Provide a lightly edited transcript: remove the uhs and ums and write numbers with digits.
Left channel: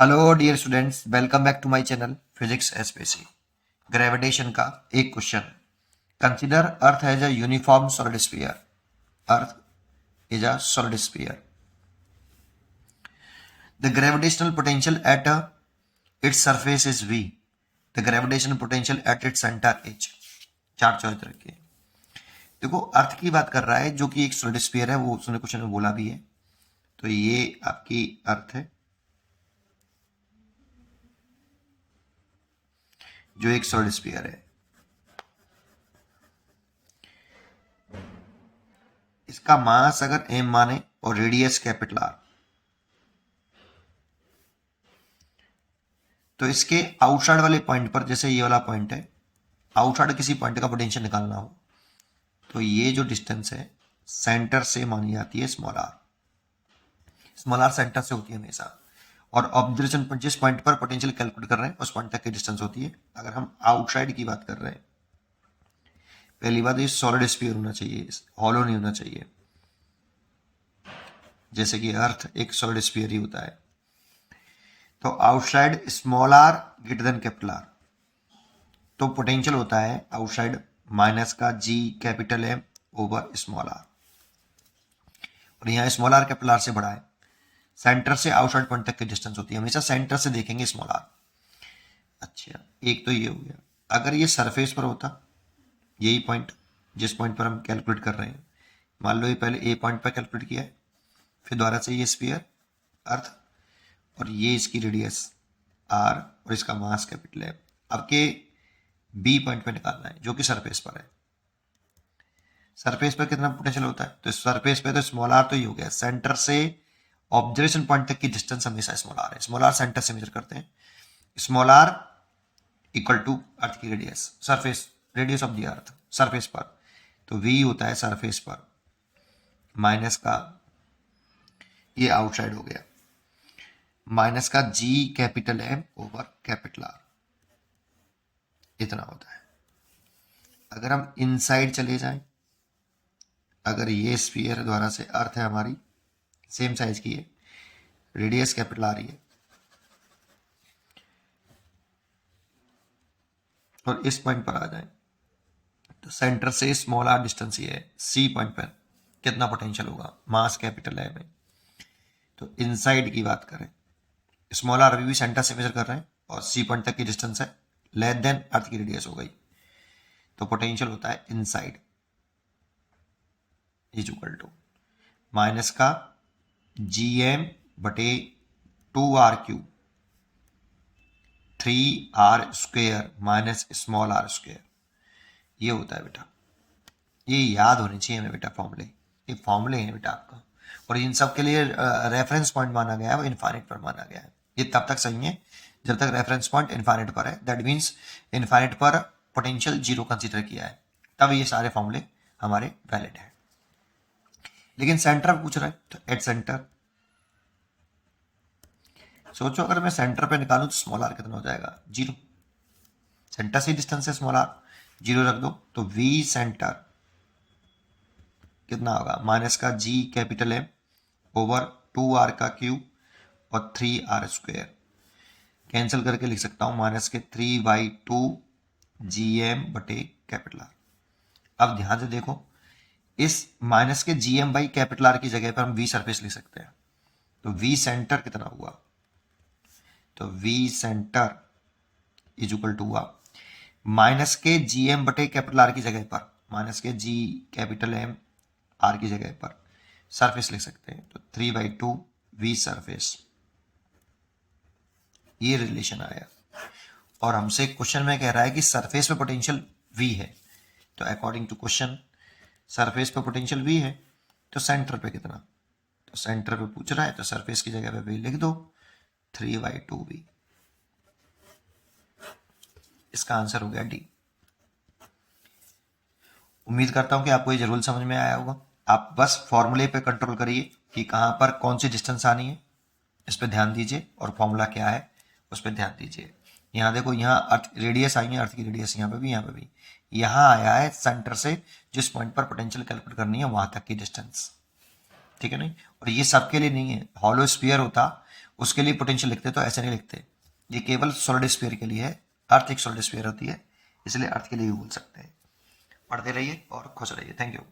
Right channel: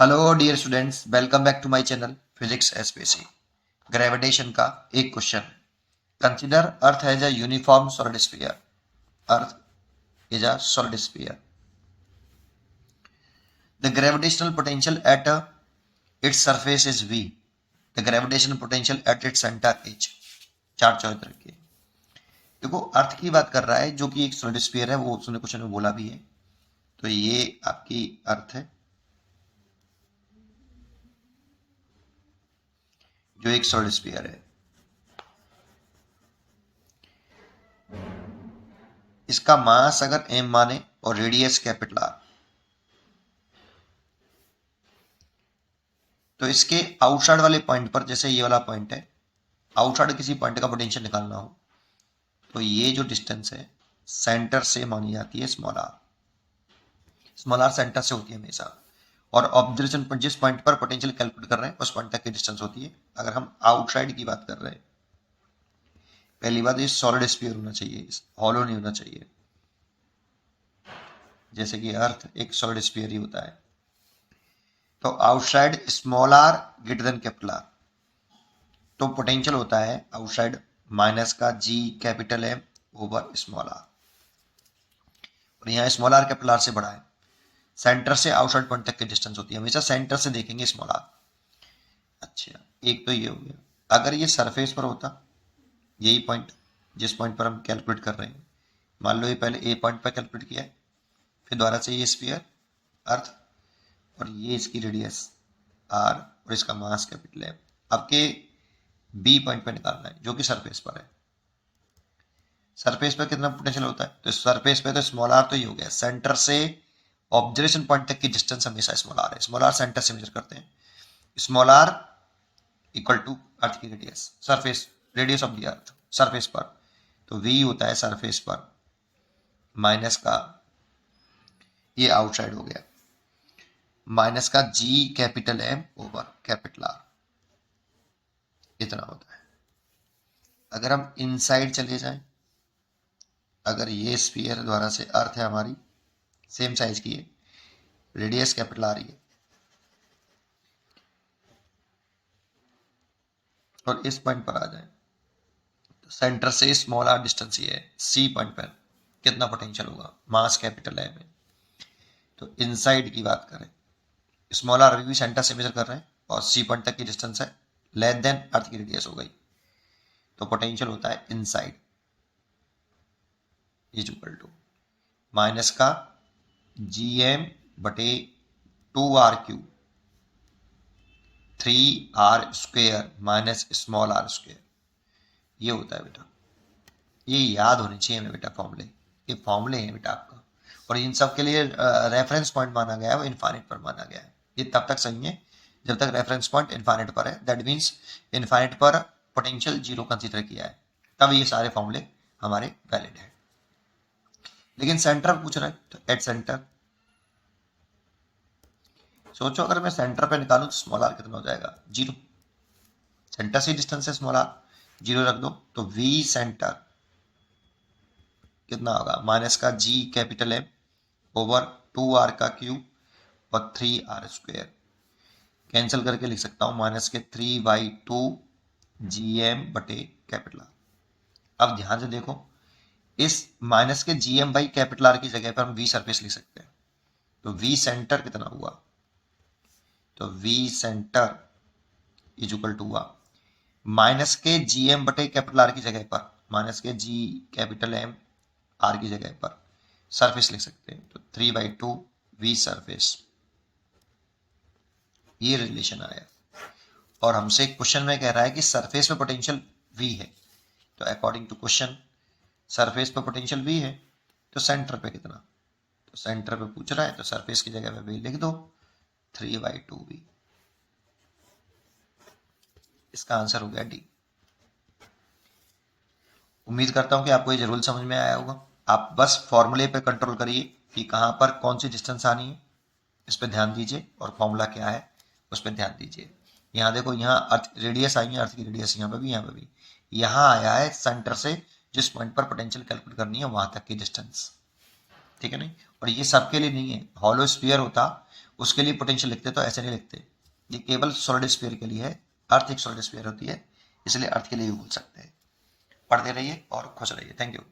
Hello dear students, welcome back to my channel physics SPC. Gravitation का एक question. Consider earth as a uniform solid sphere. Earth is a solid sphere. The gravitational potential at its surface is v। The gravitational potential at its centre is. चार चौथ रखिए। देखो, अर्थ की बात कर रहा है जो कि एक सॉलिड स्फीयर है, वो उसने क्वेश्चन में बोला भी है। तो ये आपकी अर्थ है जो एक सॉलिड स्फीयर है। इसका मास अगर m माने और रेडियस कैपिटल R, तो इसके आउटसाइड वाले पॉइंट पर, जैसे ये वाला पॉइंट है, आउटसाइड किसी पॉइंट का पोटेंशियल निकालना हो तो ये जो डिस्टेंस है सेंटर से मानी जाती है small R. Small are centre से होती है हमेशा। और ऑब्जर्वेशन पर जिस पॉइंट पर पोटेंशियल कैलकुलेट कर रहे हैं उस पॉइंट तक की डिस्टेंस होती है। अगर हम आउटसाइड की बात कर रहे हैं, पहली बात ये सॉलिड स्फीयर होना चाहिए, हॉलो नहीं होना चाहिए। जैसे कि अर्थ एक सॉलिड स्फीयर ही होता है। तो outside small r greater than capital r, तो पोटेंशियल होता है आउटसाइड माइनस का G capital M over small r. और यहाँ स्मॉल आर कैपिटल आर से बड़ा है। सेंटर से आउटसाइड पॉइंट तक की डिस्टेंस होती है, हमेशा सेंटर से देखेंगे स्मॉल आर। अच्छा, एक तो ये हो गया। अगर ये सरफेस पर होता, यही पॉइंट जिस पॉइंट पर हम कैलकुलेट कर रहे हैं, मान लो ये पहले ए पॉइंट पर कैलकुलेट किया है, फिर दोबारा से ये स्फीयर अर्थ, और ये इसकी रेडियस आर और इसका मास कैपिटल है। अब के बी पॉइंट पे निकालना है जो कि सरफेस पर है। सरफेस पर कितना पोटेंशियल होता है, तो सरफेस पे तो स्मॉल आर तो ये हो गया। सेंटर से ऑब्जर्वेशन पॉइंट तक की डिस्टेंस हमेशा स्मॉल आर है। स्मॉल आर सेंटर से मेजर करते हैं। Small r equal to earth की radius, surface radius of the earth surface पर। तो v होता है सरफेस पर माइनस का, ये आउटसाइड हो गया, माइनस का g capital M over capital R, इतना होता है। अगर हम इनसाइड चले जाएं, अगर ये स्फीयर द्वारा से अर्थ है हमारी, सेम साइज की है, रेडियस कैपिटल आ रही है, और इस पॉइंट पर आ जाए तो सेंटर से स्मॉल आर डिस्टेंस ये है, सी पॉइंट पर कितना पोटेंशियल होगा, मास कैपिटल है में। तो इनसाइड की बात करें, स्मॉल आर भी सेंटर से मेजर कर रहे हैं और सी पॉइंट तक की डिस्टेंस है लेस देन अर्थ की रेडियस हो गई, तो पोटेंशियल होता है inside is equal to minus का जी एम बटे 2r³ 3r² minus small are square, ये होता है बेटा। ये याद होनी चाहिए हमें बेटा फॉर्मूले। ये फॉर्मूले हैं बेटा आपका, और इन सब के लिए रेफरेंस पॉइंट माना गया है, वो इन्फाइनाइट पर माना गया है। ये तब तक सही है जब तक रेफरेंस पॉइंट इन्फाइनाइट पर है। दैट मीन्स इन्फाइनाइट पर पोटेंशियल जीरो कंसीडर किया है, तब ये सारे फॉर्मूले हमारे वैलिड है। लेकिन सेंटर पूछ रहा है, तो एट सेंटर सोचो, अगर मैं सेंटर पे निकालूं तो स्मॉल आर कितना हो जाएगा, जीरो। सेंटर से डिस्टेंस है स्मॉल आर, जीरो रख दो तो वी सेंटर कितना होगा, माइनस का G capital M over 2r³ और 3r²। कैंसिल करके लिख सकता हूं माइनस के 3/2 GM बटे कैपिटल आर। अब ध्यान से देखो, इस माइनस के GM बाई कैपिटल आर की जगह पर हम वी सरफेस लिख सकते हैं। तो वी सेंटर कितना हुआ, तो V centre is equal to हुआ माइनस के GM बटे कैपिटल आर की जगह पर, माइनस के जी कैपिटल एम आर की जगह पर सरफेस लिख सकते हैं, तो 3/2 वी सरफेस, ये रिलेशन आया। और हमसे क्वेश्चन में कह रहा है कि सरफेस पे पोटेंशियल v है, तो अकॉर्डिंग टू क्वेश्चन सरफेस पे पोटेंशियल v है, तो सेंटर पे कितना, तो सेंटर पे पूछ रहा है तो सरफेस की जगह पे v लिख दो, 3/2v। इसका आंसर हो गया डी। उम्मीद करता हूं कि आपको ये जरूर समझ में आया होगा। आप बस फॉर्मूले पे कंट्रोल करिए कि कहां पर कौन सी डिस्टेंस आनी है, इस पर ध्यान दीजिए, और फॉर्मूला क्या है उस पर ध्यान दीजिए। यहाँ देखो, यहाँ अर्थ रेडियस आई है, अर्थ की रेडियस यहाँ पे भी, यहाँ पे भी। यहाँ आया है सेंटर से जिस पॉइंट पर पोटेंशियल कैलकुलेट करनी है वहां तक की डिस्टेंस, ठीक है नहीं। और ये सबके लिए नहीं है, हॉलो स्फीयर होता उसके लिए पोटेंशियल लिखते तो ऐसे नहीं लिखते। ये केवल सॉलिड स्फीयर के लिए है, अर्थ एक सॉलिड स्फीयर होती है, इसलिए अर्थ के लिए भी बोल सकते हैं। पढ़ते रहिए और खुश रहिए। Thank you.